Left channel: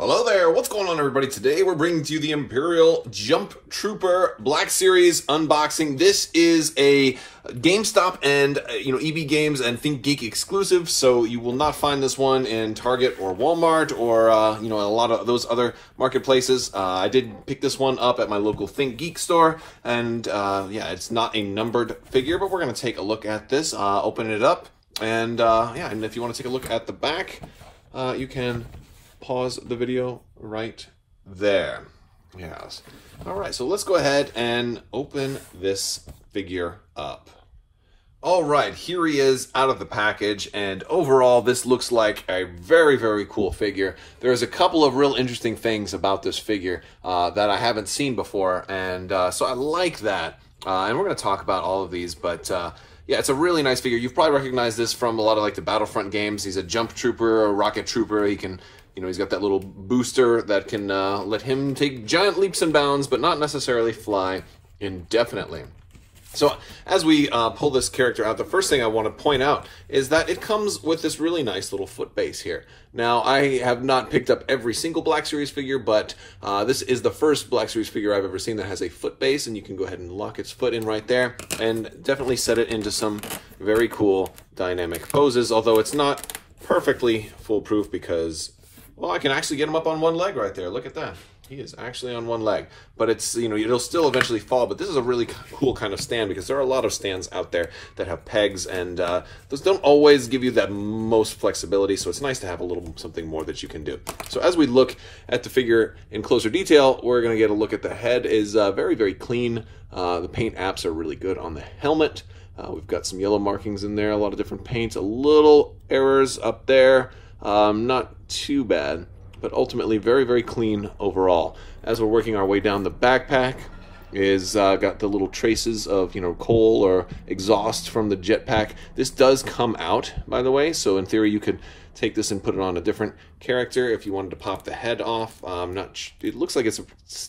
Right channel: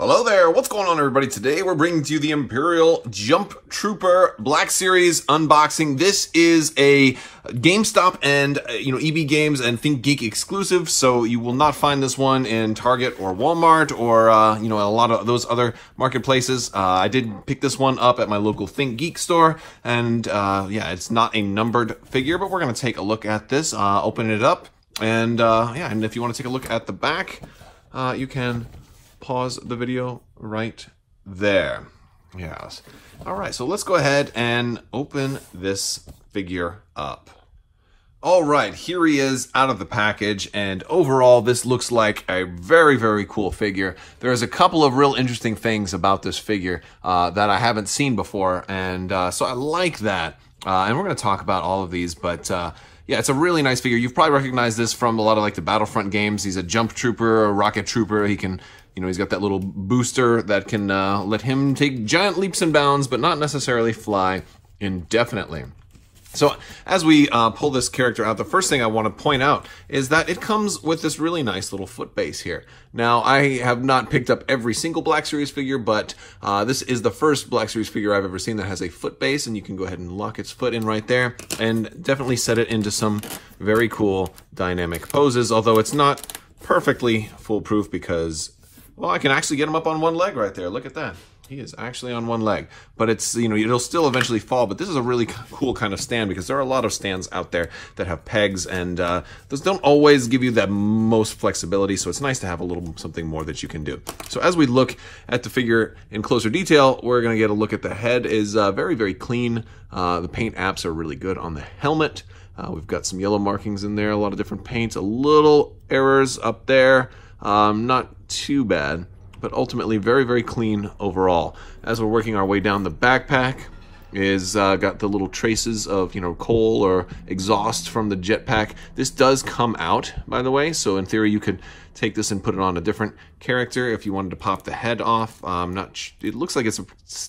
Hello there, what's going on everybody? Today we're bringing to you the Imperial Jumptrooper Black Series unboxing. This is a Gamestop and EB Games and ThinkGeek exclusive, so you will not find this one in Target or Walmart or a lot of those other marketplaces. I did pick this one up at my local ThinkGeek store, and yeah, it's not a numbered figure, but we're going to take a look at this, open it up, and yeah, and if you want to take a look at the back, you can pause the video right there. Yes. All right, so let's go ahead and open this figure up. All right, here he is out of the package, and overall this looks like a very, very cool figure. There's a couple of real interesting things about this figure that I haven't seen before, and so I like that. And we're going to talk about all of these, but yeah, it's a really nice figure. You've probably recognized this from a lot of like the Battlefront games. He's a jump trooper, a rocket trooper. He can, he's got that little booster that can let him take giant leaps and bounds, but not necessarily fly indefinitely. So as we pull this character out, the first thing I want to point out is that it comes with this really nice little foot base here. Now, I have not picked up every single Black Series figure, but this is the first Black Series figure I've ever seen that has a foot base, and you can go ahead and lock its foot in right there and definitely set it into some very cool dynamic poses, although it's not perfectly foolproof because, well, I can actually get him up on one leg right there. Look at that. He is actually on one leg, but it's, it'll still eventually fall, but this is a really cool kind of stand because there are a lot of stands out there that have pegs, and those don't always give you that most flexibility, so it's nice to have a little something more that you can do. So as we look at the figure in closer detail, we're going to get a look at the head. Is very, very clean. The paint apps are really good on the helmet. We've got some yellow markings in there, a lot of different paints, a little errors up there. Not too bad, but ultimately very, very clean overall. As we're working our way down, the backpack is got the little traces of, coal or exhaust from the jetpack. This does come out, by the way, so in theory you could take this and put it on a different character if you wanted to pop the head off. It looks like it's a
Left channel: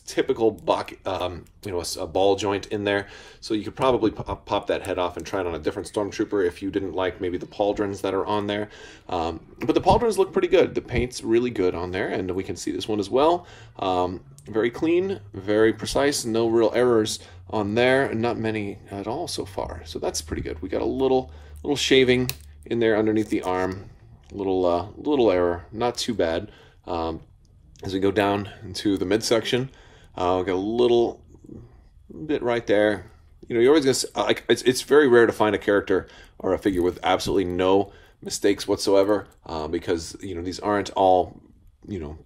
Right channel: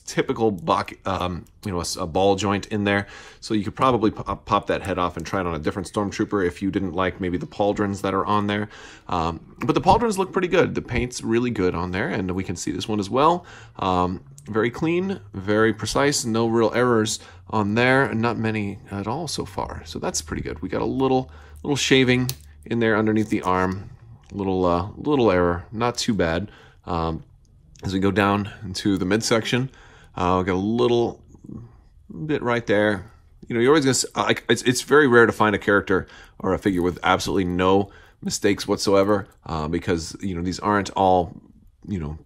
typical a ball joint in there, so you could probably pop that head off and try it on a different stormtrooper if you didn't like maybe the pauldrons that are on there. But the pauldrons look pretty good. The paint's really good on there, and we can see this one as well. Very clean, very precise, no real errors on there, and not many at all so far. So that's pretty good. We got a little shaving in there underneath the arm. Little error, not too bad. As we go down into the midsection, we got a little bit right there. You're always gonna. It's very rare to find a character or a figure with absolutely no mistakes whatsoever, because these aren't all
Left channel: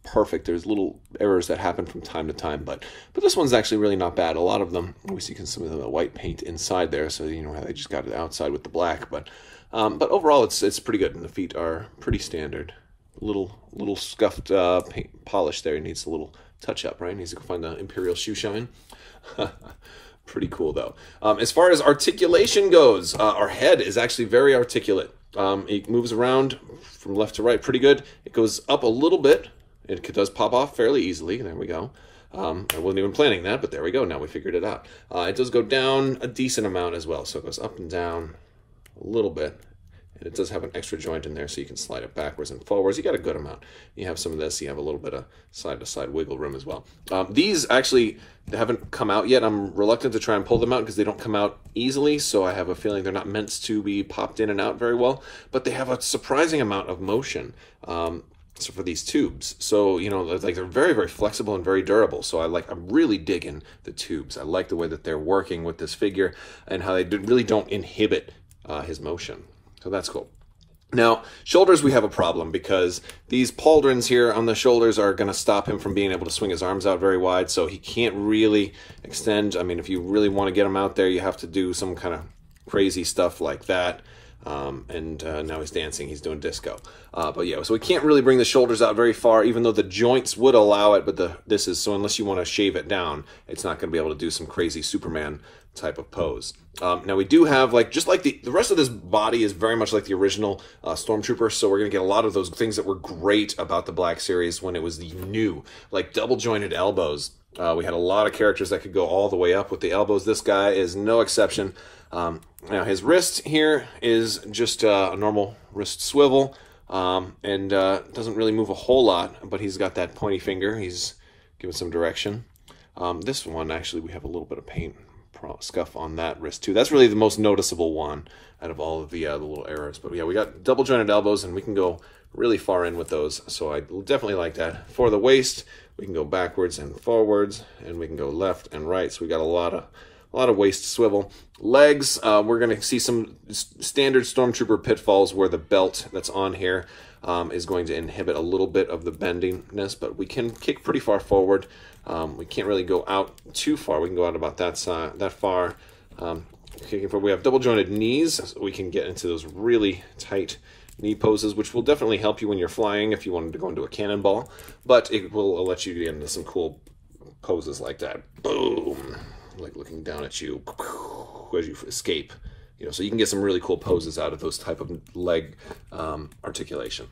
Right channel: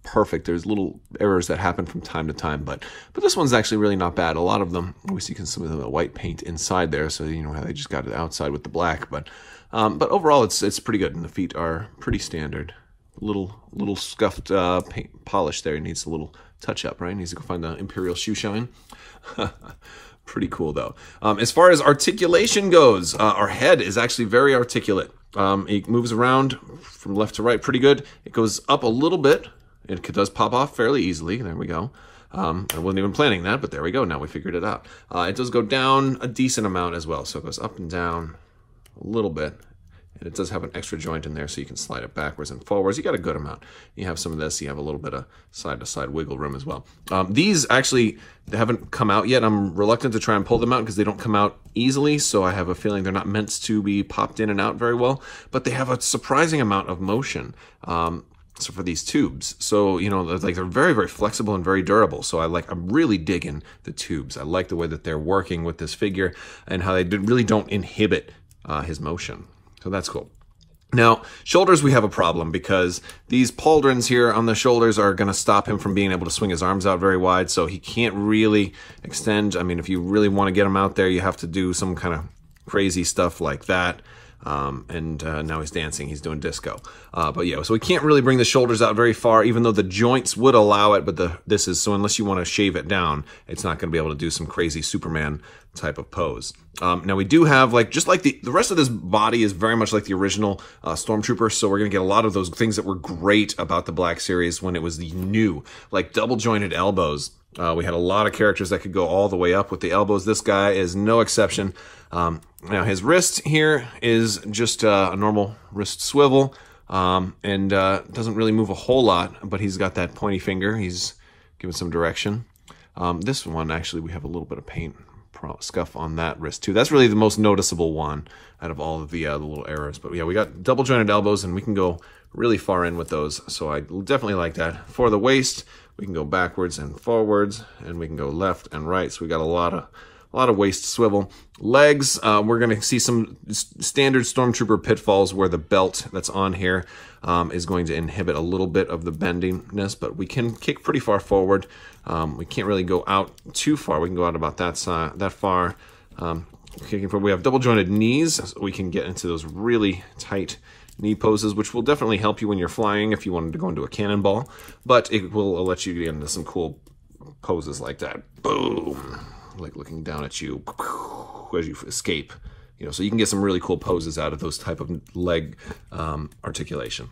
perfect. There's little errors that happen from time to time, but this one's actually really not bad. A lot of them, we see some of the white paint inside there, so how they just got it outside with the black, but overall it's pretty good, and the feet are pretty standard. Little scuffed paint polish there. It needs a little touch up, right? Needs to go find the Imperial shoe shine. Pretty cool though. As far as articulation goes, our head is actually very articulate. It moves around from left to right pretty good. It goes up a little bit. It does pop off fairly easily. There we go. I wasn't even planning that, but there we go. Now we figured it out. It does go down a decent amount as well. So it goes up and down a little bit. And it does have an extra joint in there, so you can slide it backwards and forwards. You got a good amount. You have some of this. You have a little bit of side-to-side wiggle room as well. These actually, they haven't come out yet. I'm reluctant to try and pull them out because they don't come out easily, so I have a feeling they're not meant to be popped in and out very well. But they have a surprising amount of motion so for these tubes. So, they're very, very flexible and very durable. So I'm really digging the tubes. I like the way that they're working with this figure and how they really don't inhibit his motion. So that's cool. Now, shoulders, we have a problem because these pauldrons here on the shoulders are going to stop him from being able to swing his arms out very wide, so he can't really extend. I mean, if you really want to get him out there, you have to do some kind of crazy stuff like that. Now he's dancing, he's doing disco. But yeah, so we can't really bring the shoulders out very far, even though the joints would allow it, but so unless you want to shave it down, it's not going to be able to do some crazy Superman type of pose. Now we do have, just like the rest of this body is very much like the original Stormtrooper, so we're going to get a lot of those things that were great about the Black Series when it was new, like double jointed elbows. We had a lot of characters that could go all the way up with the elbows. This guy is no exception. Now his wrist here is just a normal wrist swivel. and doesn't really move a whole lot, but he's got that pointy finger. He's giving some direction. This one, actually, we have a little bit of paint scuff on that wrist too. That's really the most noticeable one out of all of the little arrows. But yeah, we got double jointed elbows, and we can go really far in with those. So I definitely like that. For the waist, we can go backwards and forwards, and we can go left and right. So we got a lot of waist swivel. Legs, we're going to see some standard Stormtrooper pitfalls where the belt that's on here is going to inhibit a little bit of the bendiness, but we can kick pretty far forward. We can't really go out too far. We can go out about that far. Kicking forward. We have double jointed knees, so we can get into those really tight knee poses, which will definitely help you when you're flying if you wanted to go into a cannonball, but it will let you get into some cool poses like that. Boom! Like looking down at you as you escape. You know, so you can get some really cool poses out of those type of leg articulation.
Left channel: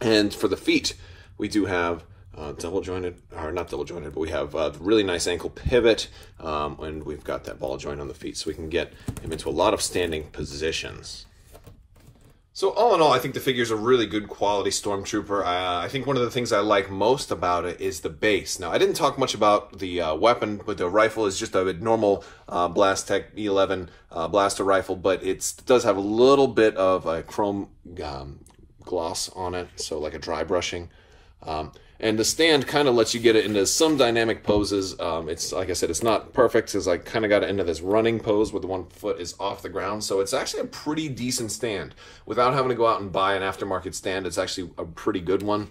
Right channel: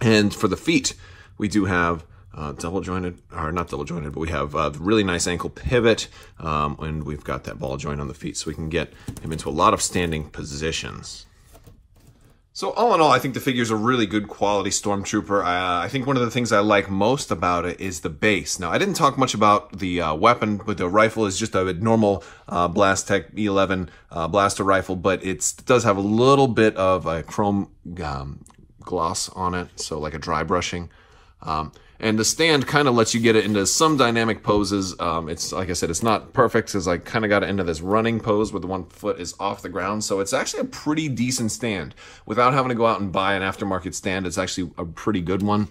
And for the feet, we do have double jointed, or not double jointed, but we have really nice ankle pivot, and we've got that ball joint on the feet, so we can get him into a lot of standing positions. So all in all, I think the figure's a really good quality Stormtrooper. I think one of the things I like most about it is the base. Now, I didn't talk much about the weapon, but the rifle is just a normal Blastech E11 blaster rifle, but it does have a little bit of a chrome gloss on it, so like a dry brushing. And the stand kind of lets you get it into some dynamic poses. It's, like I said, it's not perfect because I kind of got it into this running pose where the one foot is off the ground. So it's actually a pretty decent stand. Without having to go out and buy an aftermarket stand, it's actually a pretty good one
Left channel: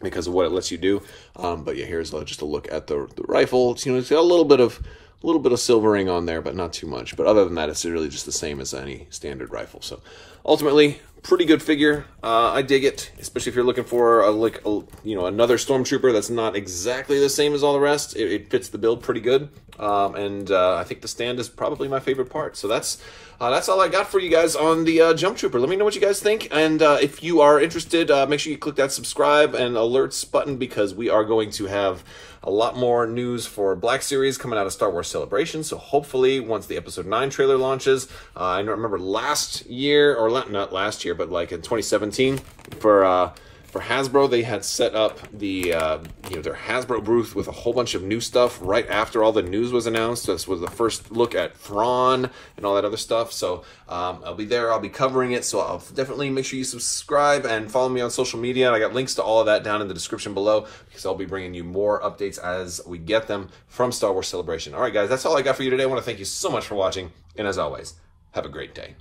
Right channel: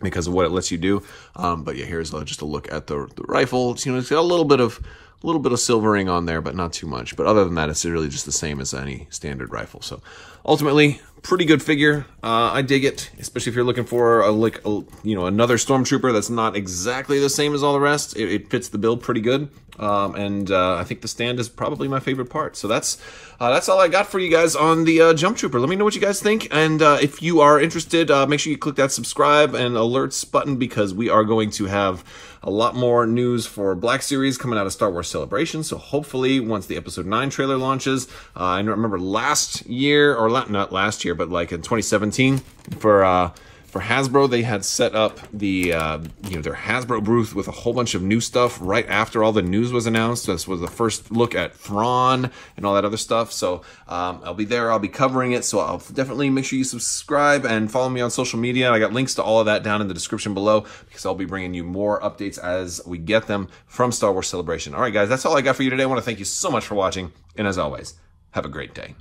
because of what it lets you do. But yeah, here's just a look at the rifle. It's, you know, it's got a little bit of silvering on there, but not too much. But other than that, it's really just the same as any standard rifle. So ultimately, pretty good figure. I dig it, especially if you're looking for another Stormtrooper that's not exactly the same as all the rest. It fits the build pretty good, and I think the stand is probably my favorite part. So that's all I got for you guys on the Jumptrooper. Let me know what you guys think, and if you are interested, make sure you click that subscribe and alerts button because we are going to have a lot more news for Black Series coming out of Star Wars Celebration. So hopefully once the Episode 9 trailer launches, I remember last year, or not last year, but like in 2017 for Hasbro, they had set up the their Hasbro booth with a whole bunch of new stuff right after all the news was announced. This was the first look at Thrawn and all that other stuff. So I'll be there. I'll be covering it. So I'll definitely make sure you subscribe and follow me on social media. I got links to all of that down in the description below because I'll be bringing you more updates as we get them from Star Wars Celebration. All right, guys, that's all I got for you today. I want to thank you so much for watching. And as always, have a great day.